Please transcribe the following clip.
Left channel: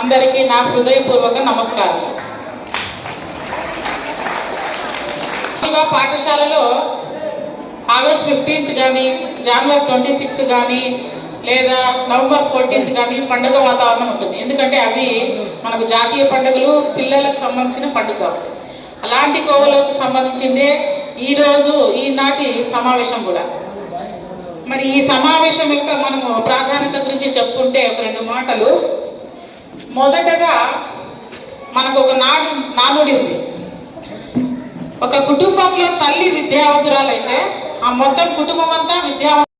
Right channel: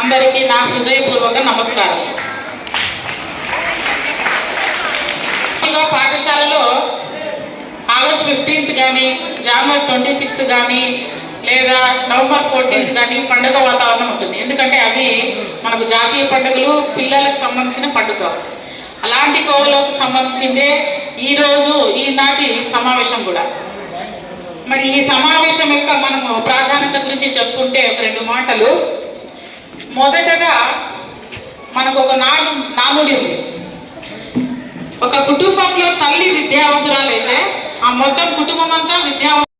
అందరికీ నా హృదయపూర్వక నమస్కారం. పాఠశాలలో ఆగస్ట్ 15th కానీ జనవరి 26th కానీ లేదా నవంబర్ 14th కానీ పండుగ వాతావరణం ఉంటుంది. ఎందుకంటే అవి మనకు జాతీయ పండుగలు, పిల్లలకు సంబంధించిన పండుగ. అలాంటి కోవలకు సంబంధించిందే ఈరోజు ఈనాటి సమావేశం కూడా. మరి ఈ సమావేశం యొక్క మనము ప్రాధాన్యత గురించి చెప్పుకుంటే ఒక 2 మాటలు. మొదటగా మనకు ఒక నానుడి ఉంది. ఒక కుటుంబంలో తల్లి విద్యావంతురాలైతే ఆ మొత్తం కుటుంబం అంతా